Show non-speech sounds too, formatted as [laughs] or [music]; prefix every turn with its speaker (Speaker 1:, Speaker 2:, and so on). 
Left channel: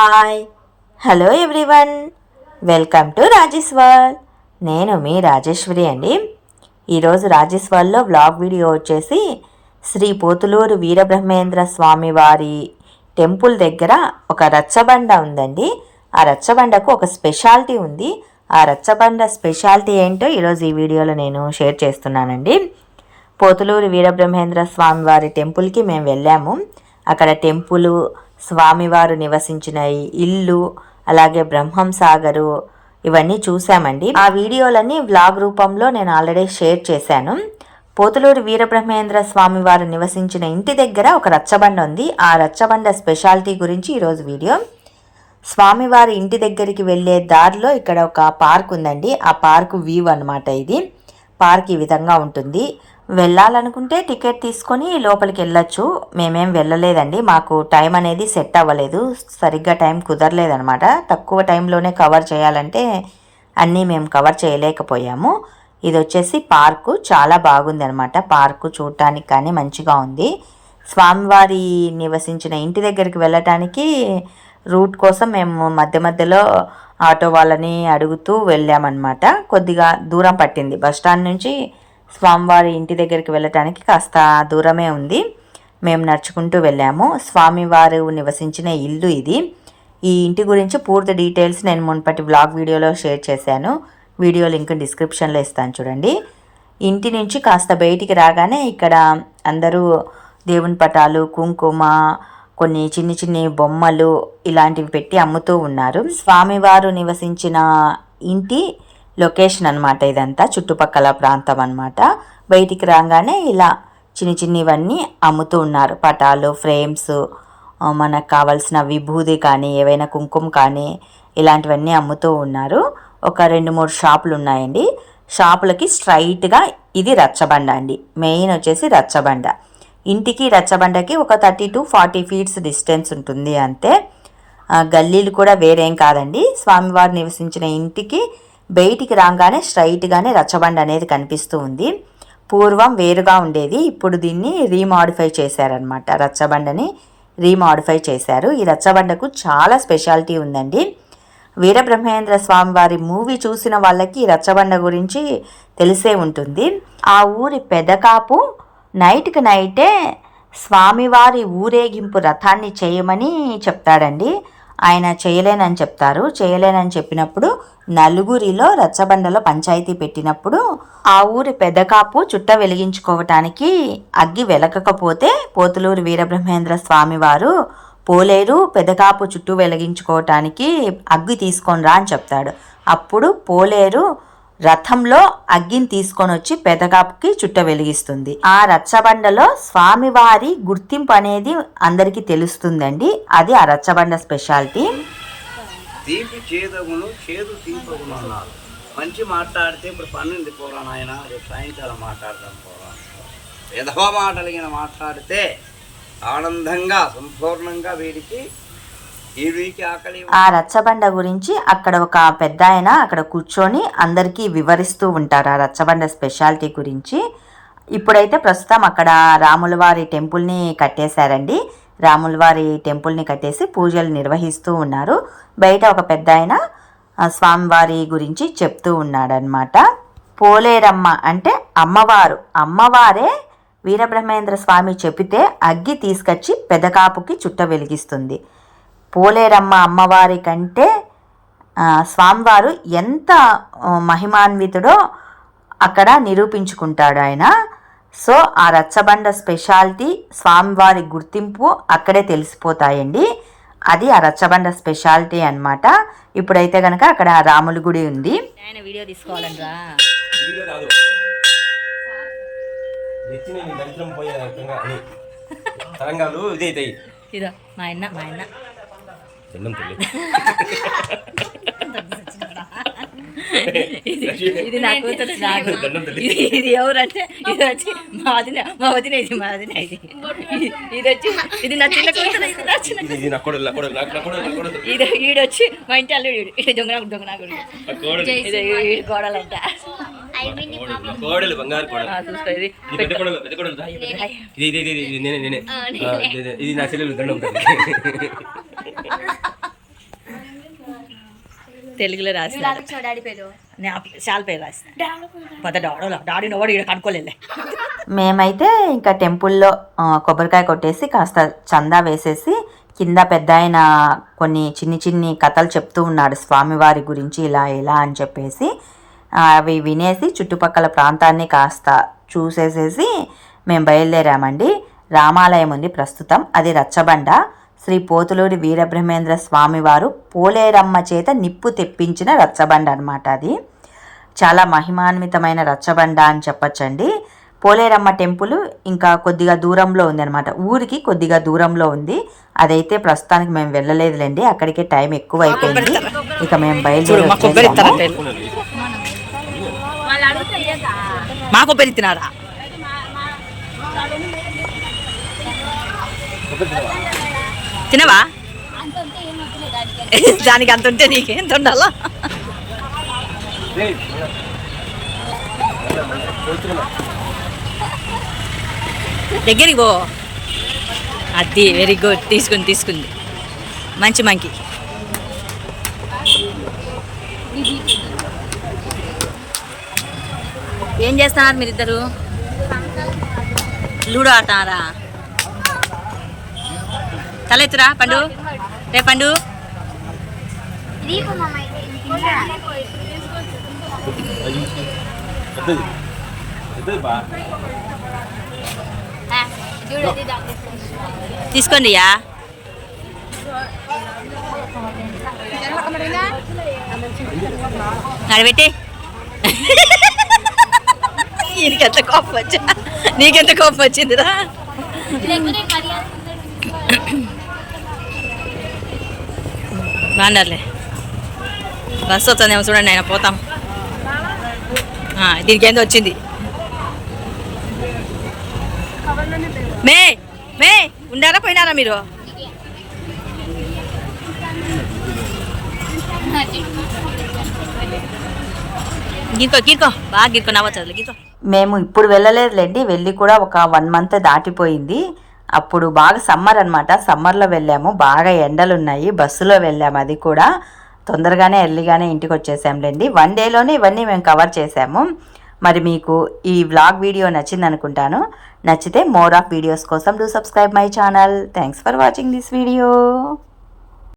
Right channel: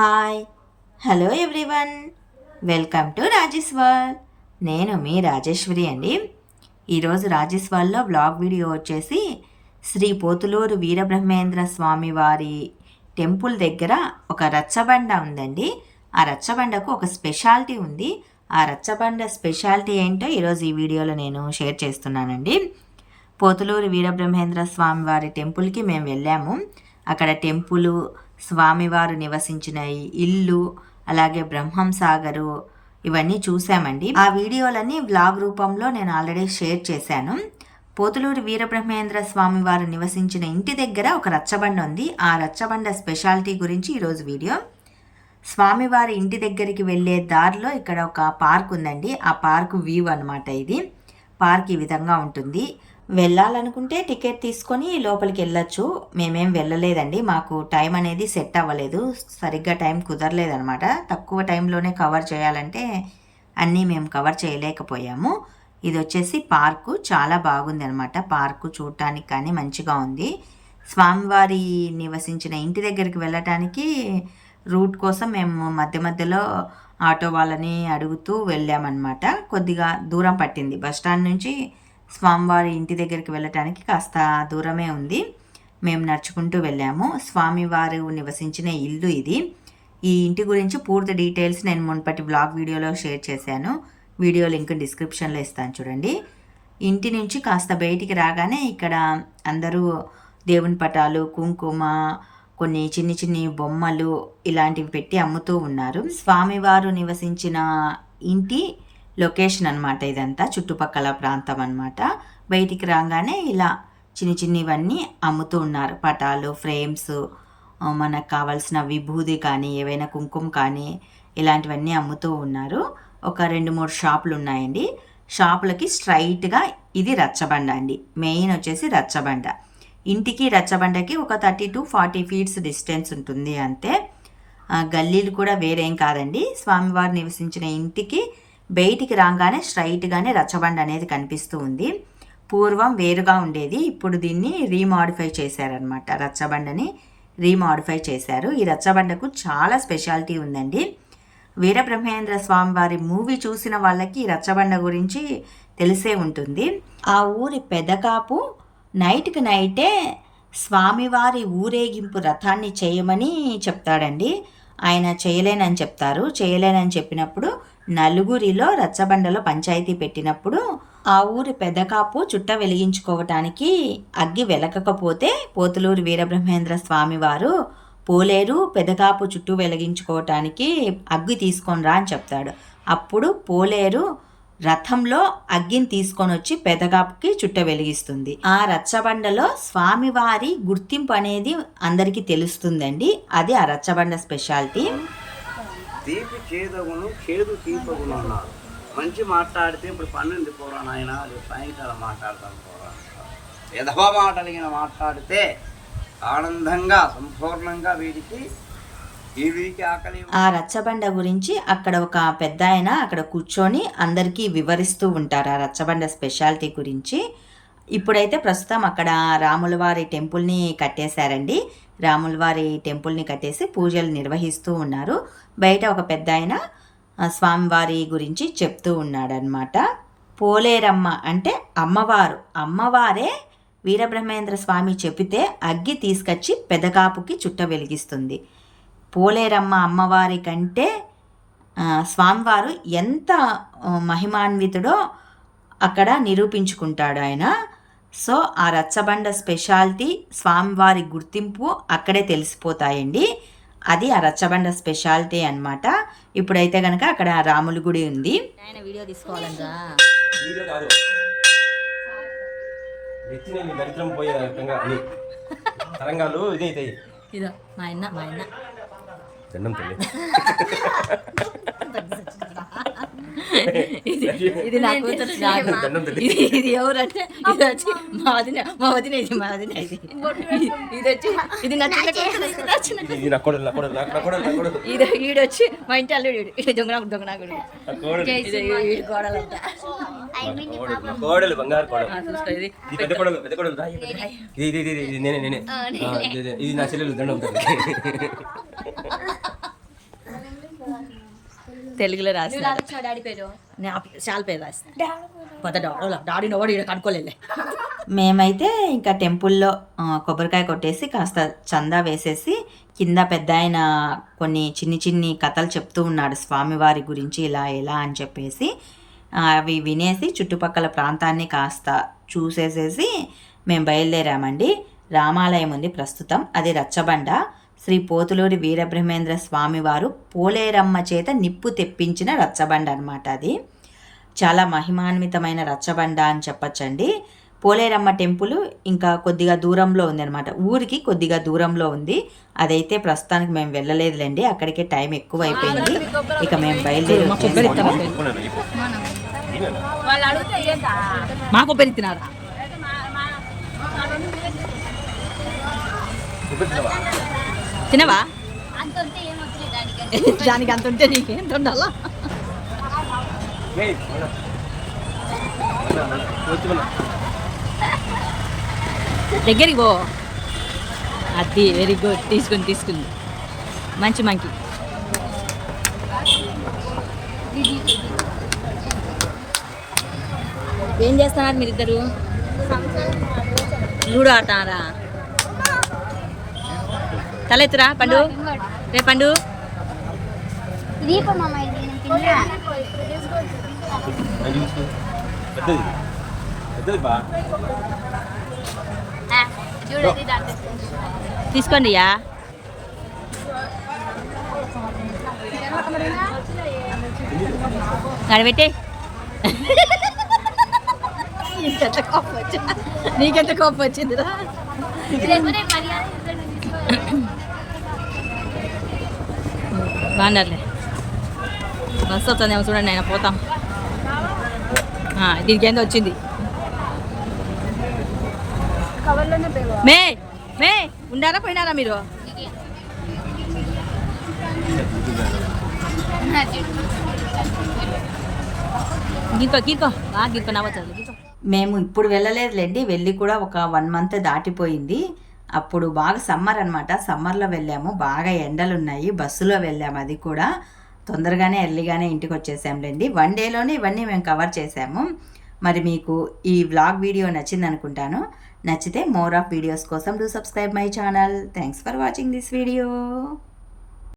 Speaker 1: Hi. Hello everyone. Welcome to Rajesh నేను మీ రాజేశ్వరి అండి. ఈరోజు రాజేశ్వర్లో బ్లాగ్ వీడియో వచ్చేసి శ్రీ పోతులూరు వీరబ్రహ్మేంద్ర స్వామి వారి టెంపుల్ దగ్గర ఒక రచ్చబండ ఉందండి. ఆ రచ్చబండకు ఒక స్పెషాలిటీ ఉంది. ఆ రచ్చబండ స్పెషాలిటీ ఏంటో ఈరోజు ఈ వీడియోలో నేను షేర్ చేస్తున్నానండి. పోతులూరు వీరబ్రహ్మేంద్ర స్వామి వారి టెంపుల్కి మేము వెళ్ళాము. అక్కడ టెంపుల్ స్వామివారు నివసించిన ఇల్లు అలాగే బ్రహ్మం సాగరు ఇవన్నీ చూసామండి ఆ వీడియోలన్నీ వ్లాగ్ రూపంలో నేను ఆల్రెడీ షేర్ చేశాను. పోతులూరు వీరబ్రహ్మేంద్ర స్వామి వారు నివసించిన ఇంటి దగ్గర ఒక రచ్చబండ ఉంది. ఆ రచ్చబండ స్పెషాలిటీ గురించి ఈరోజు వీడియో. స్వామివారి ఇంటి దగ్గరికి వెళ్ళే దారిలో ఇక్కడ ఒక పార్క్ ఉందండి. ఆ పార్క్ వ్యూ అనమాట ఇది. పార్క్ ఈ విధంగా ఉంటుంది. వెళ్ళాలనుకుంటే టికెట్ తీసుకొని లోపలికి వెళ్ళొచ్చు. మేమేం వెళ్ళలేదండి. మాకు టైం అనేది సెట్ అవ్వలేదు. సరిగ్గా టైం కుదరలేదనమాట తక్కువ టైంలోనే కవర్ చేయాలంటే అన్నీ మేము కవర్ చేయలేకపోయాము. ఇది వచ్చేసి పార్కు. చాలా బాగుంది అనమాట పార్కు చూడటానికి కానీ మంచిగా ఉంది. స్వామివారి నివసించిన ఇంటి దగ్గరికి వెళ్ళటానికి రూట్ కోసం మేము మధ్య మధ్యలో ఆటో వాళ్ళని అడుగుతూ వెళ్ళామన్నమాట. కొద్దిగా దూరం పట్టింది. బస్ స్టాండ్ నుంచి స్వామివారి ఇంటి దగ్గరికి వెళ్ళటానికి కాస్త దూరమే ఉంది. మేము నడుచుకుంటూ వెళ్ళాము. స్వామివారు నివసించిన ఇల్లు ఇది. ఈ ఇంటి గురించి పూర్తి డీటెయిల్స్ నేను మున్పటి బ్లాగ్ వీడియోలో షేర్ చేశాను. వీడియో లింక్ డిస్క్రిప్షన్లో ఇస్తాను చూడండి. ఇంటి నుంచి కాస్త బయటికి రాగానే ఇక్కడ అందరూ దేవుని పటాలు కుంకుమ కొన్ని చిన్ని చిన్ని బొమ్మలు ఇలాంటివి పెట్టి అమ్ముతూ ఉన్నారు. స్వామివారు నివసించిన ఇంటి లొకేషన్ అనమాట ఇదంతా చుట్టుపక్కల ప్రాంతం అనమాట బయటికి రాగానే ఇలా చిన్ని చిన్నవన్నీ అమ్ముతూ ఉన్నారు. పటాలు ఫ్రేమ్స్ మనకు కావాల్సిన విభూది కానీ ఏవైనా కుంకుమ కానీ ఇలాంటివన్నీ అమ్ముతూ ఉన్నారు. ఒక రెండు మూడు షాపులు ఉన్నాయండి. షాపులకి స్ట్రైట్గా ఇది రచ్చబండ అండి. మెయిన్ వచ్చేసి రచ్చబండ. ఇంటికి రచ్చబండకి ఒక thirty to forty feets distance ఉంటుంది అంతే. గల్లీలు కూడా వేరేం కాదండి. స్వామివారు నివసించిన ఇంటికి బయటికి రాగానే స్ట్రైట్గానే రచ్చబండ అనేది కనిపిస్తూ ఉంది. పూర్వం వేరుగా ఉండేది. ఇప్పుడు దీన్ని రీమాడిఫై చేశారనమాట రచ్చబండని రీమాడిఫై చేశారు. ఈ రచ్చబండకు చాలా స్పెషాలిటీ ఉందండి. వీరబ్రహ్మేంద్ర స్వామి వారి మూవీ చూసిన వాళ్ళకి రచ్చబండ గురించి తెలిసే ఉంటుంది. ఆ ఊరి పెదకాపు నైట్కి నైటే స్వామివారి ఊరేగింపు రథాన్ని చేయమని చెప్తాడండి. ఆయన చేయలేనని చెప్తారు. చేయలేనని చెప్పినప్పుడు నలుగురిలో రచ్చబండలో పంచాయతీ పెట్టినప్పుడు ఆ ఊరి పెదకాపు చుట్ట వెలిగించుకోవటానికి అగ్గి వెలకకపోతే పోతులూరు వీరబ్రహ్మేంద్ర స్వామివారు పోలేరు పెదకాపు చుట్టూ వెలిగించుకోవటానికి అగ్గి తీసుకొని రా అని చెప్తాడు. అప్పుడు పోలేరు రథంలో అగ్గిని తీసుకొని వచ్చి పెదకాపుకి చుట్ట వెలిగిస్తుంది. ఆ రచ్చబండలో స్వామివారి గుర్తింపు అనేది అందరికీ తెలుస్తుందండి. అది ఆ రచ్చబండ స్పెషాలిటీ.
Speaker 2: తీపి చేదగును చేదు తీపగును అన్నారు. మంచి మాట్లాడితే ఇప్పుడు పన్నెండు పోరా నాయన రేపు సాయంకాలం మాట్లాడదాం పోరా విధవ మాటలిగిన మాట్లాడితే ఆనందంగా సంపూర్ణంగా వీడికి
Speaker 1: ఆ రచ్చబండ గురించి అక్కడ ఒక పెద్ద ఆయన అక్కడ కూర్చొని అందరికీ వివరిస్తూ ఉంటారు ఆ రచ్చబండ స్పెషాలిటీ గురించి. ఇప్పుడైతే ప్రస్తుతం అక్కడ రాములవారి టెంపుల్ని కట్టేశారండి. రాములవారి టెంపుల్ని కట్టేసి పూజలు నిర్వహిస్తూ ఉన్నారు. బయట ఒక పెద్ద ఆయన స్వామివారి గురించి చెప్తూ ఉన్నాడనమాట పోలేరమ్మ అంటే అమ్మవారు. అమ్మవారే వీరబ్రహ్మేంద్ర స్వామి చెబితే అగ్గి తీసుకొచ్చి పెదకాపుకి చుట్ట వెలిగిస్తుంది. పోలేరమ్మ అమ్మవారి కంటే స్వామివారు ఎంత మహిమాన్వితుడో అక్కడ నిరూపించుకుంటాడు ఆయన. సో ఆ రచ్చబండ స్పెషాలిటీ స్వామివారి గుర్తింపు అక్కడే తెలిసిపోతాయండి. అది ఆ రచ్చబండ స్పెషాలిటీ అన్నమాట. ఇప్పుడైతే కనుక అక్కడ రాముల గుడి ఉంది.
Speaker 3: ఆయన వీడియో
Speaker 4: తరంగాలు ఇదే
Speaker 3: ఇదో మా ఆయన మా
Speaker 4: తల్లి. [laughs]
Speaker 3: ఇది ఇది నా కూతురు నాకు
Speaker 4: దండం
Speaker 3: ఇది ఎవరంటే ఇది వచ్చి మా వదిన మా వదిన ఇది మా వదిన ఇది. ఇది- వచ్చి ఇది నా చిన్న కూతురు ఇది ఈడొచ్చి మా ఇంటి అల్లుడు. ఇది దొంగ దొంగ కొడుకు
Speaker 4: నా కోడలు
Speaker 3: ఇది
Speaker 4: నా కోడలు బంగారు కోడలు
Speaker 3: ఆ, చూసుకో ఇది
Speaker 4: ఇది పెద్ద కొడలు పెద్ద కొడలు రా. ఇది ఇది ఇది ఇది నేనే నేనే ఆ, ఇది- ఇది- ఇది నా చెల్లెలు దండం తల్లి
Speaker 3: తెలుగులో రాసినాడు. ఆ చాలా పేరు రాసిన. పెద్ద డాడోలా డాడీ నవ్వడు ఇక్కడ కనుక్కోలేలే
Speaker 1: మేమైతే ఇంకా టెంపుల్లో కొబ్బరికాయ కొట్టేసి కాస్త చందా వేసేసి కింద పెద్ద ఆయన కొన్ని చిన్ని చిన్ని కథలు చెప్తూ ఉన్నాడు స్వామివారి గురించి ఇలా ఇలా అని చెప్పేసి. అవి వినేసి చుట్టుపక్కల ప్రాంతాన్ని కాస్త చూసేసేసి మేము బయలుదేరామండి. రామాలయం ఉంది ప్రస్తుతం. అది రచ్చబండ. శ్రీ పోతులూరి వీరబ్రహ్మేంద్ర స్వామివారు పోలేరమ్మ చేత నిప్పు తెప్పించిన రచ్చబండ అనమాట అది. చాలా మహిమాన్వితమైన రచ్చబండ అని చెప్పచ్చండి. పోలేరమ్మ టెంపుల్ ఇంకా కొద్దిగా దూరంలో ఉంది అనమాట ఊరికి కొద్దిగా దూరంలో ఉంది. అదైతే ప్రస్తుతానికి మేము వెళ్ళలేదులేండి. అక్కడికే టైం ఎక్కువ అయిపోయింది ఇక మేము బయలుదేరి?
Speaker 3: మా కొబ్బరి తినారా తినవా? దానికి. అంత ఉంటే నీకెంత ఉండాలా. దగ్గరికి పో. అది వెరీ గుడ్ తీసుకుంది తీసుకుంది. మంచి మంకి. ఏం చేస్తున్నారు మీరిద్దరు? లూడో ఆడుతున్నారా తలెత్తురా పండు రే పండు
Speaker 5: దీపం మామ ఇది నేను తినలే.
Speaker 4: అది చూసి. పెద్దది బా.
Speaker 5: ఆ, చూడండి దాంట్లో.
Speaker 3: తీసుకోండి యా. నడబెట్టి నీకెంత కోపం వచ్చా? నీకెంత కోపం వచ్చిందిరా?
Speaker 5: లేకపోతే
Speaker 3: బాగున్నారులే బస్సు వస్తుందేమో చూడండి ఆయన పోతాం దీనికి ఏందో వచ్చింది మే మే ఉండారా పోయినారా మీరు గీర్కో గీర్కో బాగా గీర్కో నవ్వచ్చు గీర్కో
Speaker 1: మేము ఇప్పుడు వెళ్ళలేదులేండి వెళ్ళి కూడా ఒక వన్ మంత్ దాటిపోయింది. అప్పుడు బాగా సమ్మర్ అనమాట సమ్మర్లో వెళ్ళాము. బాగా ఎండలు ఉన్నాయి బస్సులో వెళ్ళాము అది కూడా. తొందరగానే ఎర్లీగానే ఇంటికి వచ్చేసాంలేండి వన్ డేలోనే ఇవన్నీ మేము కవర్ చేసాము. మరి మీకు ఈ వ్లాగ్ వీడియో నచ్చింది అనుకుంటాను నచ్చితే మోర్ ఆఫ్ వీడియోస్ కోసం do subscribe my channel. Thanks for watching this video.